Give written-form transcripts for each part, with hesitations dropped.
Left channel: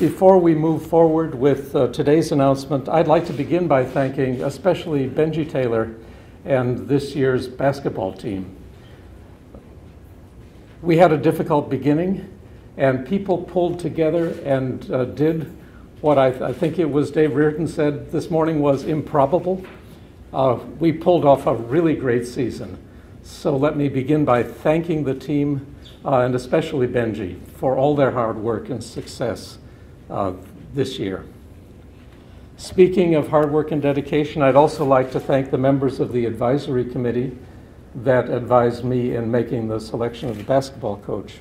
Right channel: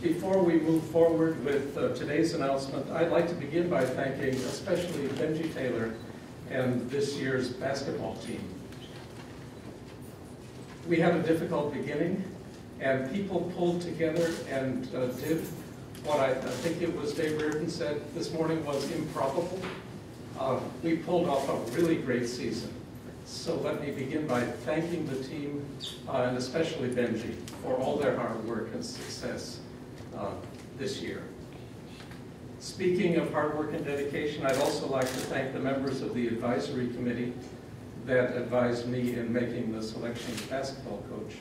Before we move forward with today's announcement, I'd like to begin by thanking especially Benji Taylor and this year's basketball team. We had a difficult beginning, and people pulled together and did what I think it was Dave Reardon said this morning was improbable. We pulled off a really great season. So let me begin by thanking the team, and especially Benji, for all their hard work and success this year. Speaking of hard work and dedication, I'd also like to thank the members of the advisory committee that advised me in making the selection of the basketball coach.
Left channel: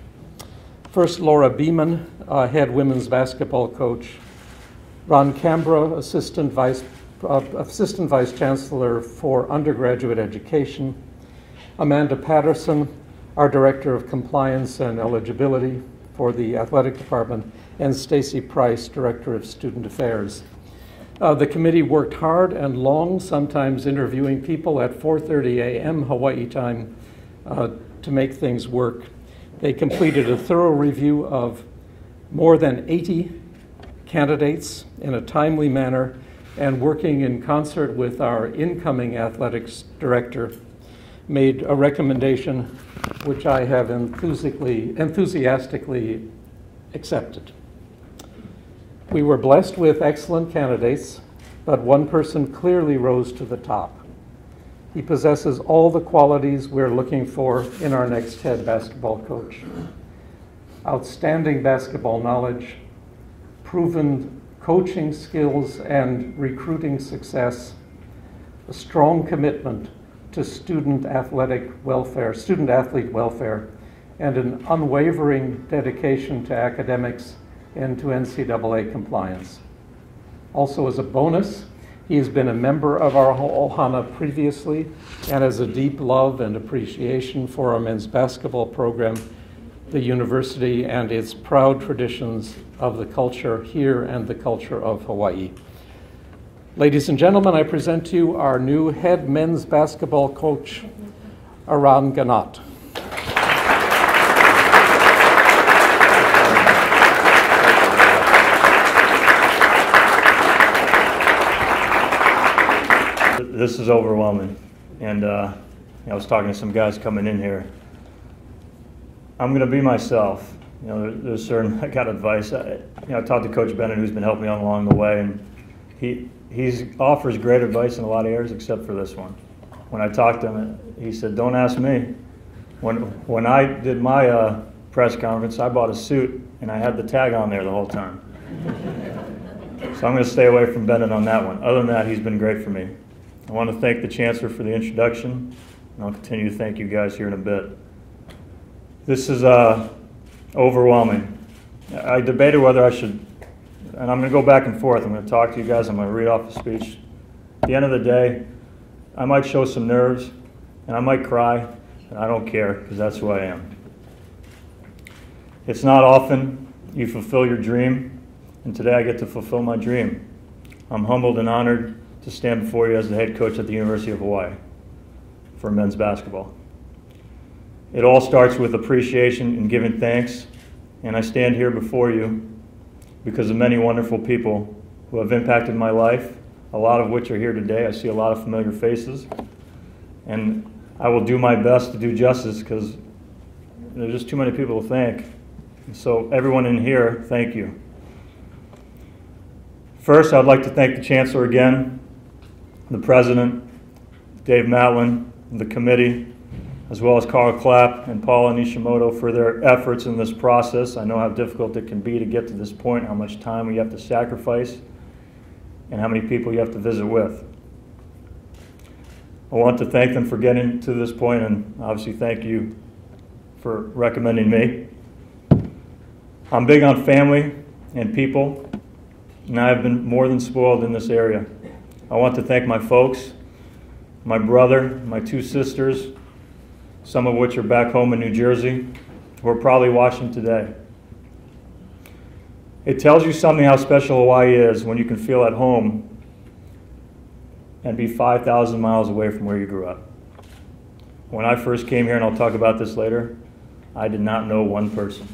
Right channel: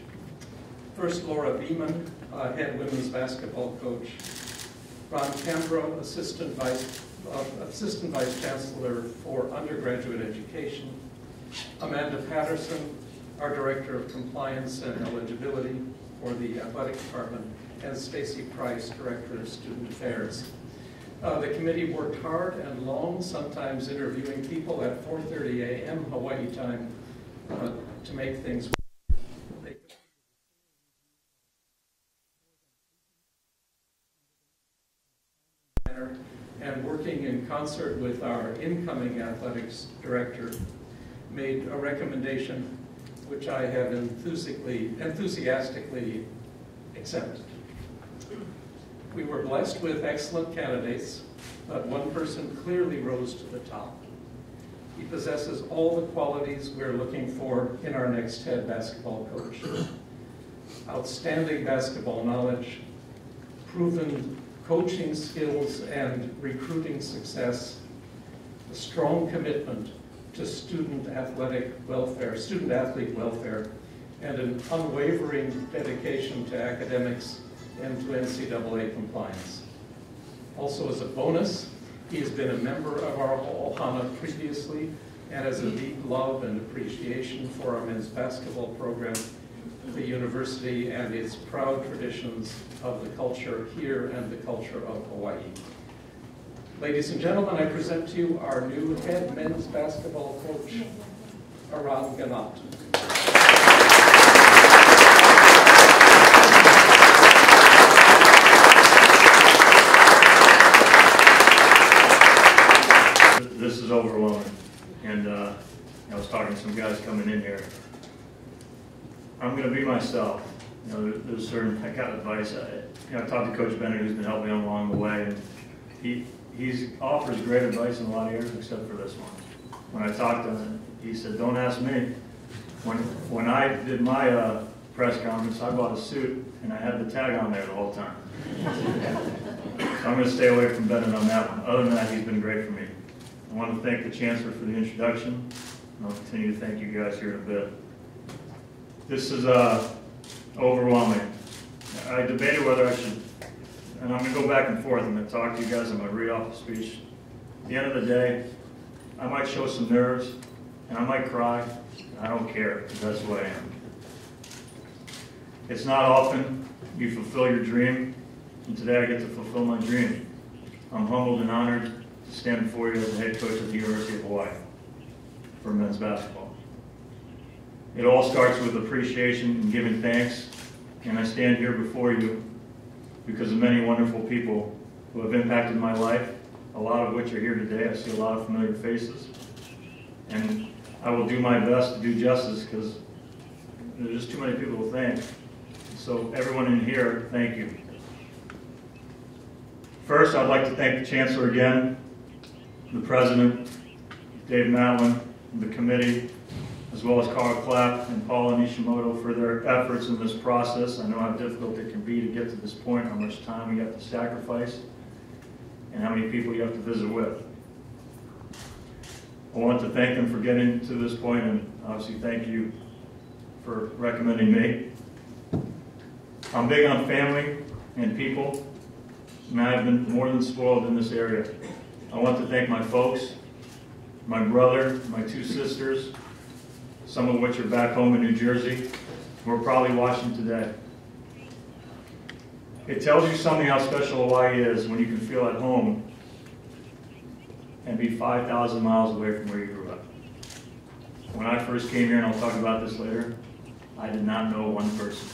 First, Laura Beeman, head women's basketball coach. Ron Canberra, assistant vice chancellor for undergraduate education. Amanda Patterson, our director of compliance and eligibility for the athletic department, and Stacy Price, director of student affairs. The committee worked hard and long, sometimes interviewing people at 4:30 a.m. Hawaii time to make things work. They completed a thorough review of more than 80 candidates in a timely manner, and working in concert with our incoming athletics director, made a recommendation which I have enthusiastically accepted. We were blessed with excellent candidates, but one person clearly rose to the top. He possesses all the qualities we're looking for in our next head basketball coach. Outstanding basketball knowledge, proven coaching skills and recruiting success, a strong commitment to student athlete welfare, and an unwavering dedication to academics and to NCAA compliance. Also, as a bonus, he has been a member of our Ohana previously and has a deep love and appreciation for our men's basketball program, the university, and its proud traditions of the culture here and the culture of Hawaii. Ladies and gentlemen, I present to you our new head men's basketball coach, Eran Ganot. This is overwhelming, and I was talking to some guys coming in here. I'm going to be myself. There's certain, I got advice. I talked to Coach Bennett, who's been helping me along the way, and he offers great advice in a lot of areas except for this one. When I talked to him, he said, "Don't ask me." When I did my press conference, I bought a suit and I had the tag on there the whole time. So I'm going to stay away from Bennett on that one. Other than that, he's been great for me. I want to thank the Chancellor for the introduction, and I'll continue to thank you guys here in a bit. This is overwhelming. I debated whether I should, and I'm going to go back and forth. I'm going to talk to you guys. I'm going to read off a speech. At the end of the day, I might show some nerves, and I might cry, and I don't care, because that's who I am. It's not often you fulfill your dream, and today I get to fulfill my dream. I'm humbled and honored to stand before you as the head coach at the University of Hawaii for men's basketball. It all starts with appreciation and giving thanks, and I stand here before you because of many wonderful people who have impacted my life, a lot of which are here today. I see a lot of familiar faces, and I will do my best to do justice because there's just too many people to thank. So everyone in here, thank you. First, I'd like to thank the Chancellor again, the President, Dave Matlin, the committee, as well as Carl Clapp and Paula Nishimoto for their efforts in this process. I know how difficult it can be to get to this point, how much time we have to sacrifice, and how many people you have to visit with. I want to thank them for getting to this point, and obviously thank you for recommending me. I'm big on family and people, and I've been more than spoiled in this area. I want to thank my folks, my brother, my two sisters, some of which are back home in New Jersey, who are probably watching today. It tells you something how special Hawaii is when you can feel at home and be 5,000 miles away from where you grew up. When I first came here, and I'll talk about this later, I did not know one person.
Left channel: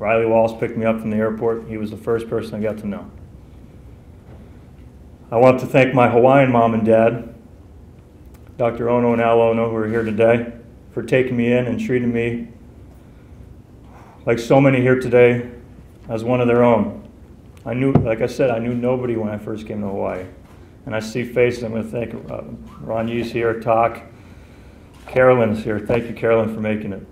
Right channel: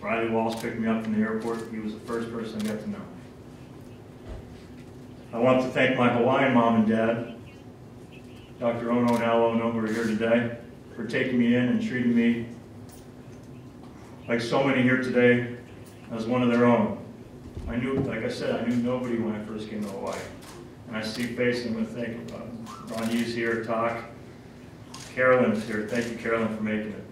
Riley Wallace picked me up from the airport. He was the first person I got to know. I want to thank my Hawaiian mom and dad, Dr. Ono and Al Ono, who are here today, for taking me in and treating me, like so many here today, as one of their own. I knew, like I said, I knew nobody when I first came to Hawaii. And I see faces, I'm going to thank Ron Yee's here, Talk, Carolyn's here. Thank you, Carolyn, for making it.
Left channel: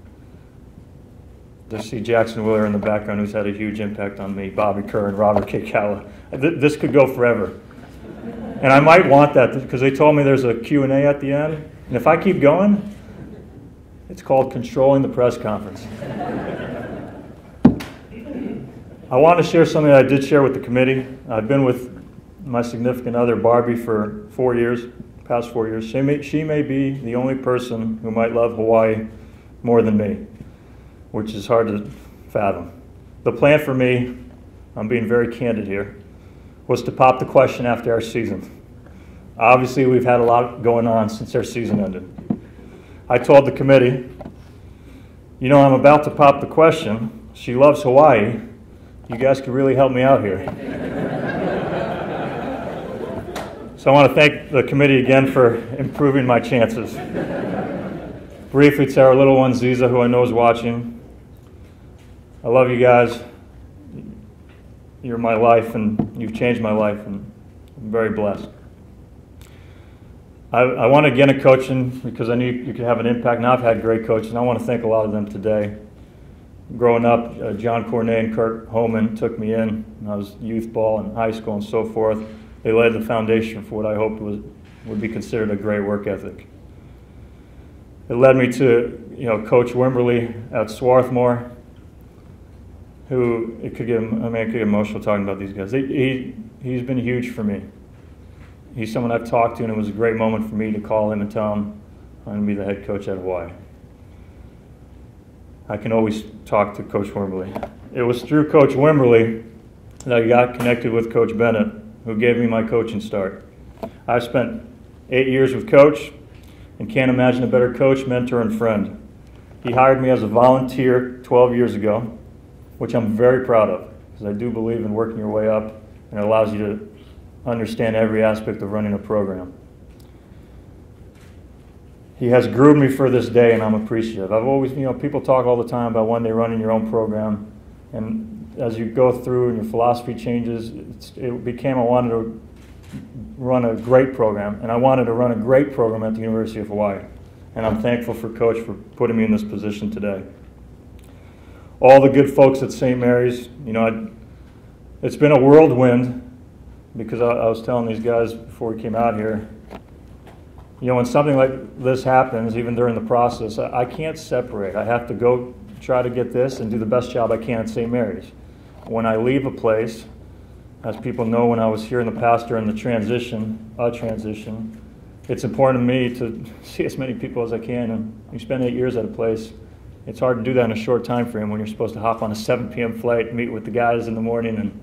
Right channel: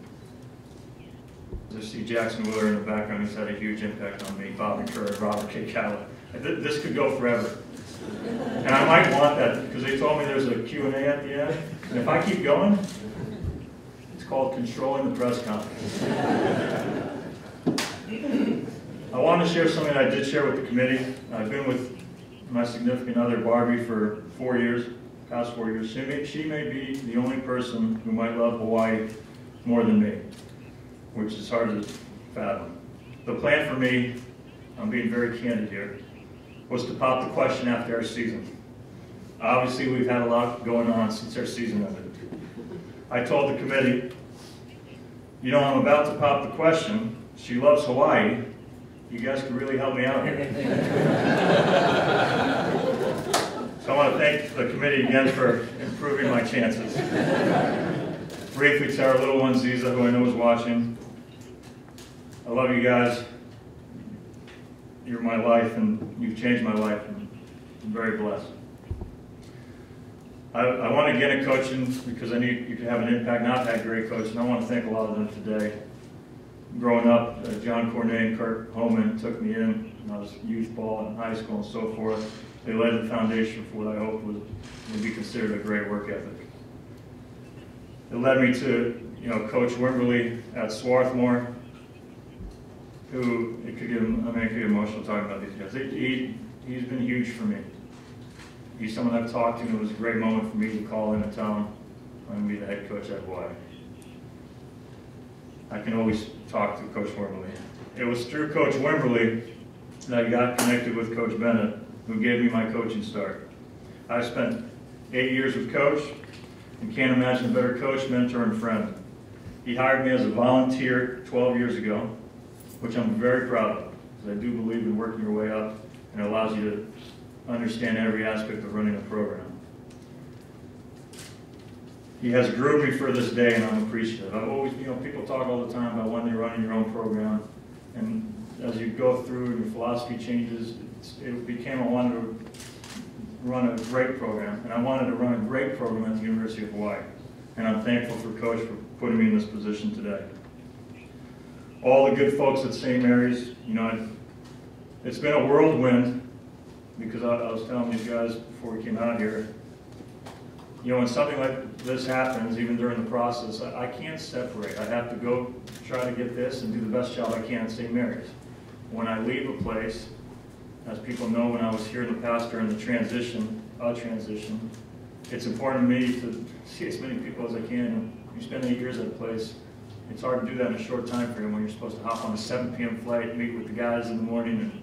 Just see Jackson Willer in the background, who's had a huge impact on me, Bobby Kerr and Robert Kikala. This could go forever. And I might want that, because they told me there's a Q&A at the end. And if I keep going, it's called controlling the press conference. I want to share something that I did share with the committee. I've been with my significant other, Barbie, for 4 years, past 4 years. She may be the only person who might love Hawaii more than me, which is hard to fathom. The plan for me, I'm being very candid here, was to pop the question after our season. Obviously, we've had a lot going on since our season ended. I told the committee, you know, I'm about to pop the question. She loves Hawaii. You guys could really help me out here. So I want to thank the committee again for improving my chances. Briefly to our little one, Ziza, who I know is watching. I love you guys. You're my life, and you've changed my life, and I'm very blessed. I want to get into coaching because I knew you could have an impact, and I've had great coaches, and I want to thank a lot of them today. Growing up, John Cornet and Kurt Holman took me in when I was youth ball and high school and so forth. They laid the foundation for what I hoped would be considered a great work ethic. It led me to, Coach Wimberly at Swarthmore, who it could get emotional talking about these guys. He's been huge for me. He's someone I've talked to, and it was a great moment for me to call him and tell him I'm going to be the head coach at Hawaii. I can always talk to Coach Wimberly. It was through Coach Wimberly that I got connected with Coach Bennett, who gave me my coaching start. I spent 8 years with Coach and can't imagine a better coach, mentor, and friend. He hired me as a volunteer 12 years ago, which I'm very proud of, because I do believe in working your way up, and it allows you to understand every aspect of running a program. He has groomed me for this day, and I'm appreciative. I've always, people talk all the time about one day running your own program, and as you go through and your philosophy changes, it became I wanted to run a great program, and I wanted to run a great program at the University of Hawaii. And I'm thankful for Coach for putting me in this position today. All the good folks at St. Mary's, it's been a whirlwind, because I was telling these guys before we came out here, when something like this happens, even during the process, I can't separate. I have to go try to get this and do the best job I can at St. Mary's. When I leave a place, as people know when I was here in the past during the transition, it's important to me to see as many people as I can. And you spend 8 years at a place, it's hard to do that in a short time frame when you're supposed to hop on a 7 p.m. flight, meet with the guys in the morning. And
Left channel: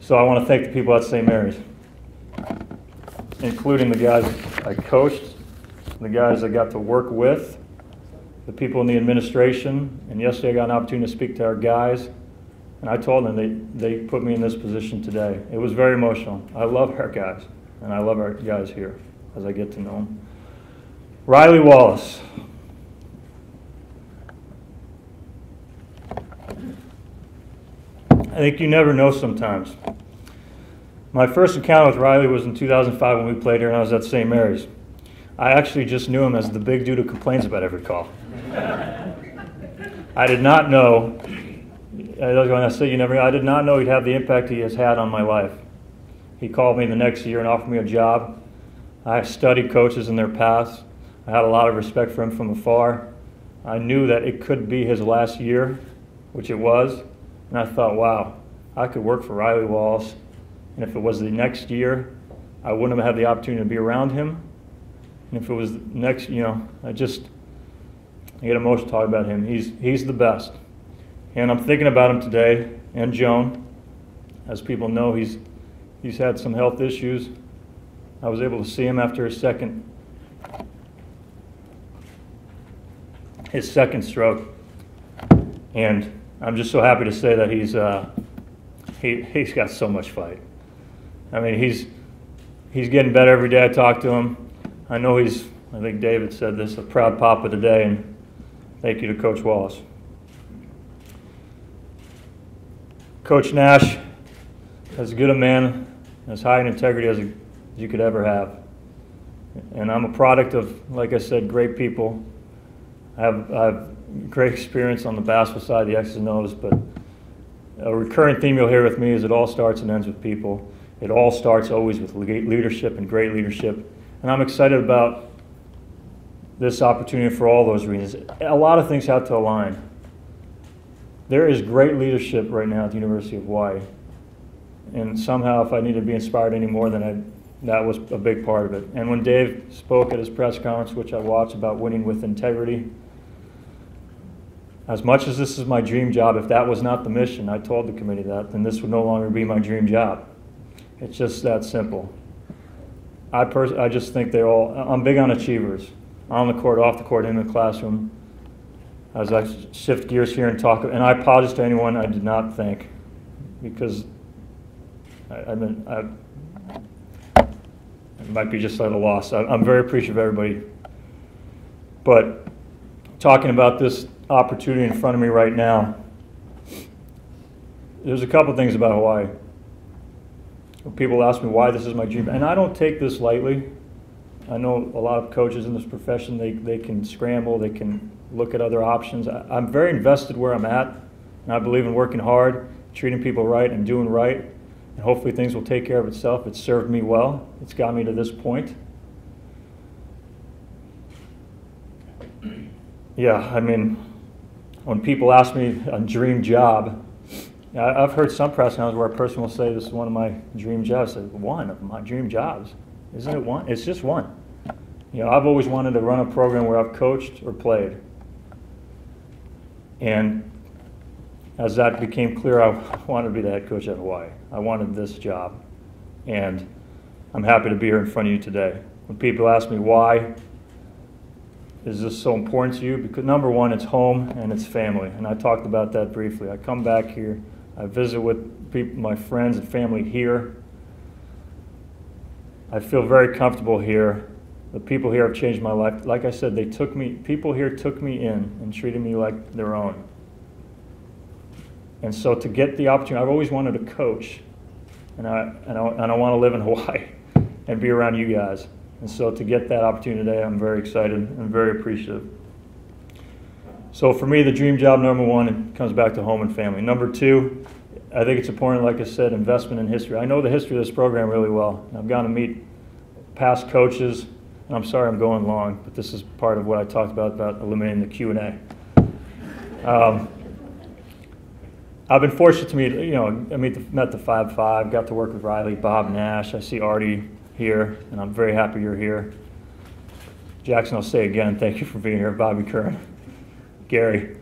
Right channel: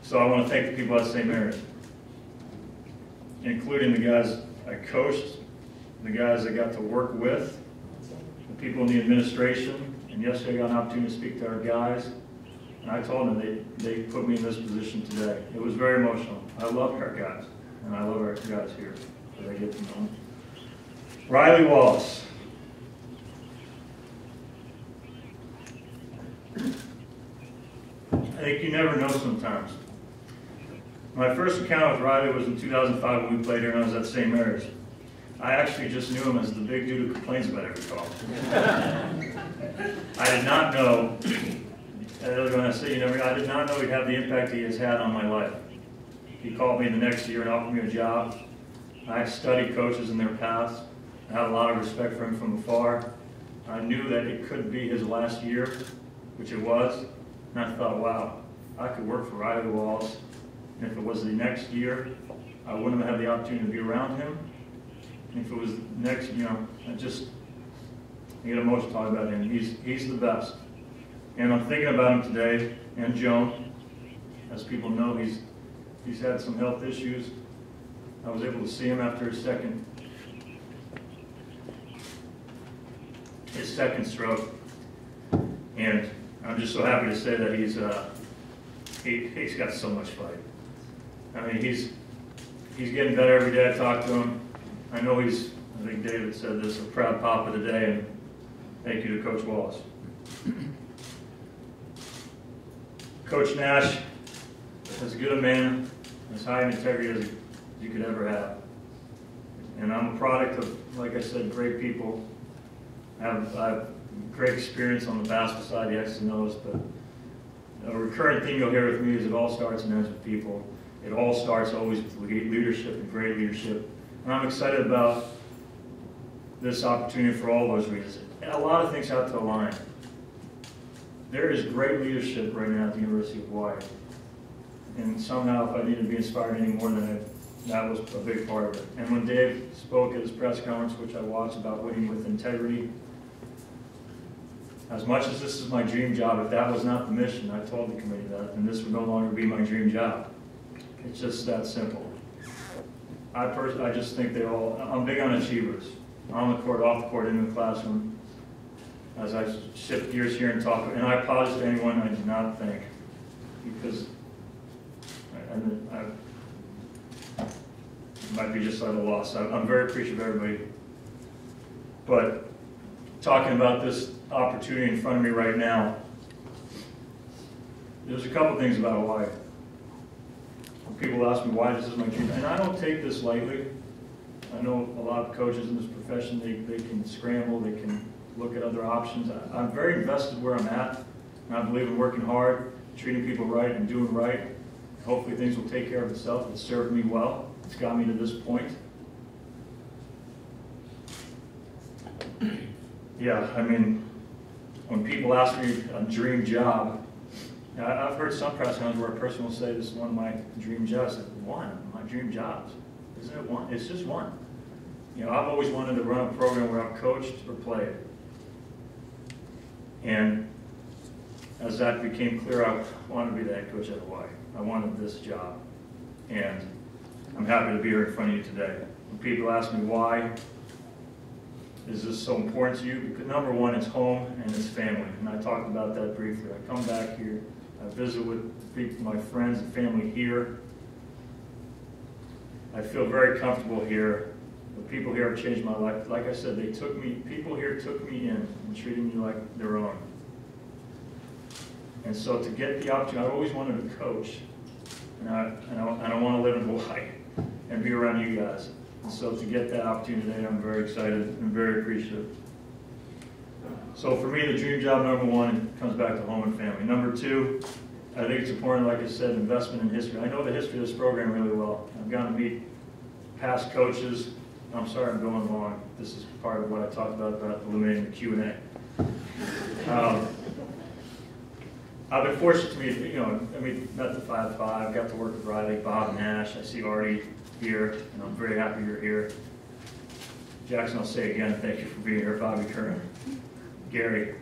so I want to thank the people at St. Mary's, including the guys I coached, the guys I got to work with, the people in the administration, and yesterday I got an opportunity to speak to our guys, and I told them they put me in this position today. It was very emotional. I love our guys, and I love our guys here as I get to know them. Riley Wallace. I think you never know sometimes. My first encounter with Riley was in 2005 when we played here and I was at St. Mary's. I actually just knew him as the big dude who complains about every call. I did not know, I did not know he'd have the impact he has had on my life. He called me the next year and offered me a job. I studied coaches in their past. I had a lot of respect for him from afar. I knew that it could be his last year, which it was, and I thought, wow, I could work for Riley Wallace. And if it was the next year, I wouldn't have had the opportunity to be around him. And if it was next, I get emotional talking about him. He's the best. And I'm thinking about him today, and Joan. As people know, he's had some health issues. I was able to see him after his second stroke. And I'm just so happy to say that he's got so much fight. I mean, he's getting better every day I talk to him. I know I think David said this, a proud papa today, and thank you to Coach Wallace. Coach Nash, as good a man, as high in integrity as you could ever have. And I'm a product of, like I said, great people. I have great experience on the basketball side, the X's and O's, but a recurring theme you'll hear with me is it all starts and ends with people. It all starts always with leadership and great leadership. And I'm excited about this opportunity for all those reasons. A lot of things have to align. There is great leadership right now at the University of Hawaii. And somehow, if I need to be inspired any more, then that was a big part of it. And when Dave spoke at his press conference, which I watched, about winning with integrity, as much as this is my dream job, if that was not the mission, I told the committee that, then this would no longer be my dream job. It's just that simple. I just think I'm big on achievers. On the court, off the court, in the classroom. As I shift gears here and talk, and I apologize to anyone I did not thank, because it might be just at a loss. I'm very appreciative of everybody. But talking about this opportunity in front of me right now, there's a couple things about Hawaii. People ask me why this is my dream, and I don't take this lightly. I know a lot of coaches in this profession, they can scramble, they can look at other options. I'm very invested where I'm at, and I believe in working hard, treating people right, and doing right. And hopefully things will take care of itself. It's served me well. It's got me to this point. Yeah, I mean, when people ask me a dream job, I've heard some press conferences where a person will say, this is one of my dream jobs. I said, one of my dream jobs? Isn't it one? It's just one. You know, I've always wanted to run a program where I've coached or played. And as that became clear, I wanted to be the head coach at Hawaii. I wanted this job. And I'm happy to be here in front of you today. When people ask me why is this so important to you, because number one, it's home and it's family. And I talked about that briefly. I come back here, I visit with people, my friends and family here. I feel very comfortable here. The people here have changed my life. Like I said, people here took me in and treated me like their own. And so to get the opportunity, I've always wanted to coach, and I want to live in Hawaii and be around you guys. And so to get that opportunity today, I'm very excited and very appreciative. So for me, the dream job, number one, it comes back to home and family. Number two, I think it's important, like I said, investment in history. I know the history of this program really well. I've gotten to meet past coaches. And I'm sorry I'm going long, but this is part of what I talked about eliminating the Q&A. I've been fortunate to meet, met the 5-5, got to work with Riley, Bob, Nash. I see Artie here, and I'm very happy you're here. Jackson, I'll say again, thank you for being here. Bobby Curran, Gary.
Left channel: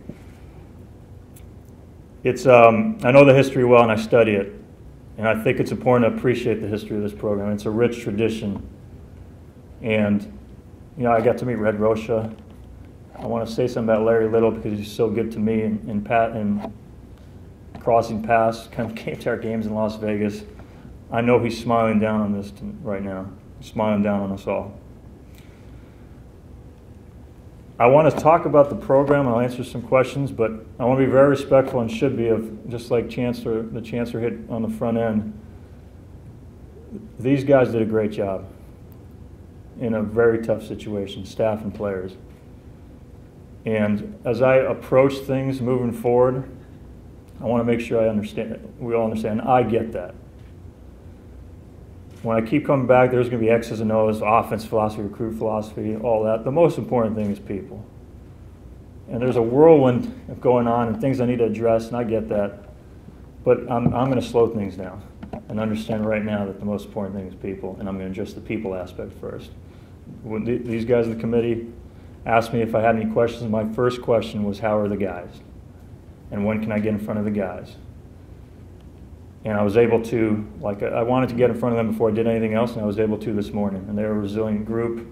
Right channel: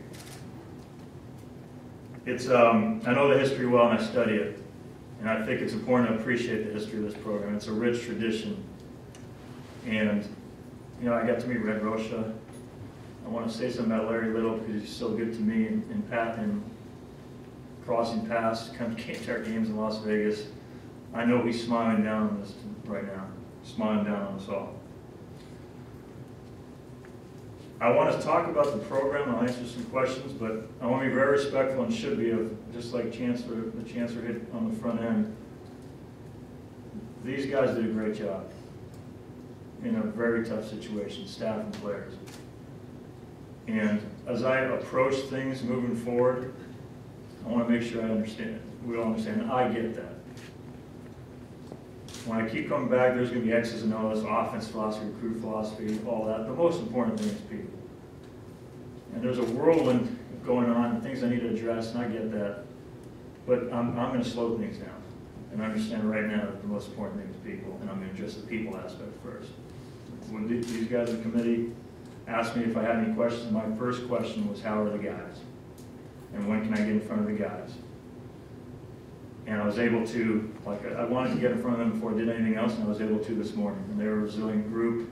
I know the history well, and I study it. And I think it's important to appreciate the history of this program. It's a rich tradition. And, I got to meet Red Rocha. I want to say something about Larry Little because he's so good to me, and crossing paths, kind of came to our games in Las Vegas. I know he's smiling down on this right now, smiling down on us all. I want to talk about the program, and I'll answer some questions, but I want to be very respectful, and should be, of just like the Chancellor hit on the front end. These guys did a great job in a very tough situation, staff and players. And as I approach things moving forward, I want to make sure I understand it. We all understand. I get that. When I keep coming back, there's going to be X's and O's, offense philosophy, recruit philosophy, all that. The most important thing is people. And there's a whirlwind going on and things I need to address, and I get that. But I'm going to slow things down and understand right now that the most important thing is people, and I'm going to address the people aspect first. When these guys in the committee asked me if I had any questions, my first question was, how are the guys? And when can I get in front of the guys? And I was able to, I wanted to get in front of them before I did anything else, and I was able to this morning. And they were a resilient group.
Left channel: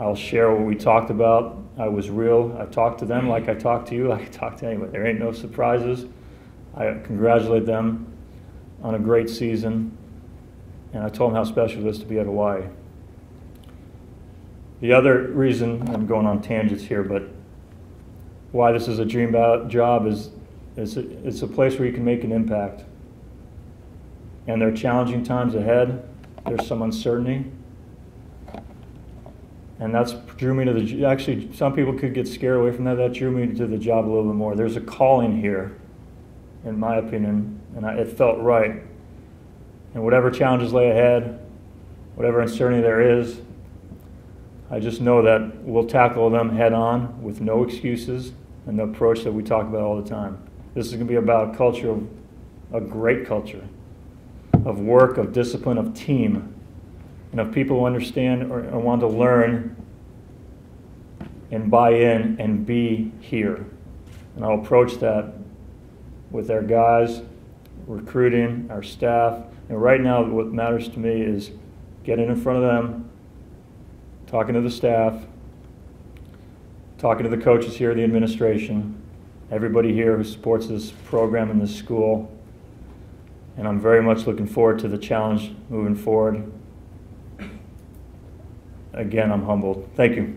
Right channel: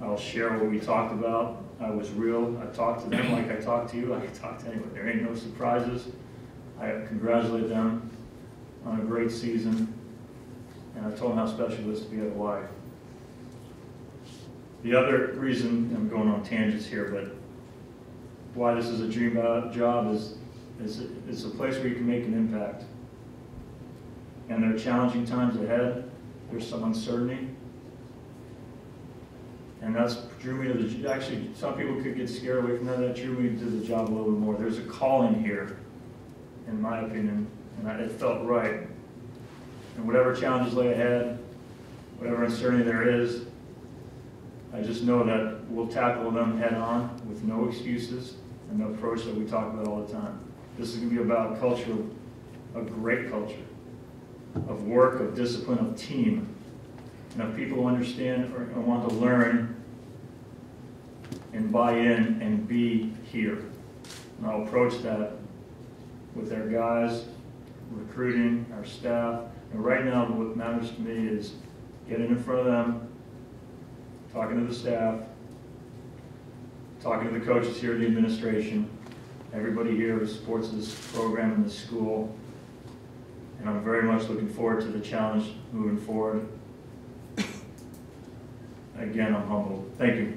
I'll share what we talked about. I was real. I talked to them like I talked to you. I talked to anybody. There ain't no surprises. I congratulate them on a great season, and I told them how special it is to be at Hawaii. The other reason, I'm going on tangents here, but why this is a dream job is it's a place where you can make an impact. And there are challenging times ahead. There's some uncertainty. And that's drew me to the, actually, some people could get scared away from that. That drew me to the job a little bit more. There's a calling here, in my opinion, and it felt right. And whatever challenges lay ahead, whatever uncertainty there is, I just know that we'll tackle them head on with no excuses and the approach that we talk about all the time. This is going to be about a culture, a great culture, of work, of discipline, of team, and of people who understand or want to learn and buy in and be here. And I'll approach that with our guys, recruiting, our staff. And right now, what matters to me is getting in front of them, talking to the staff, talking to the coaches here, the administration, everybody here who supports this program and this school. And I'm very much looking forward to the challenge moving forward. Again, I'm humbled. Thank you.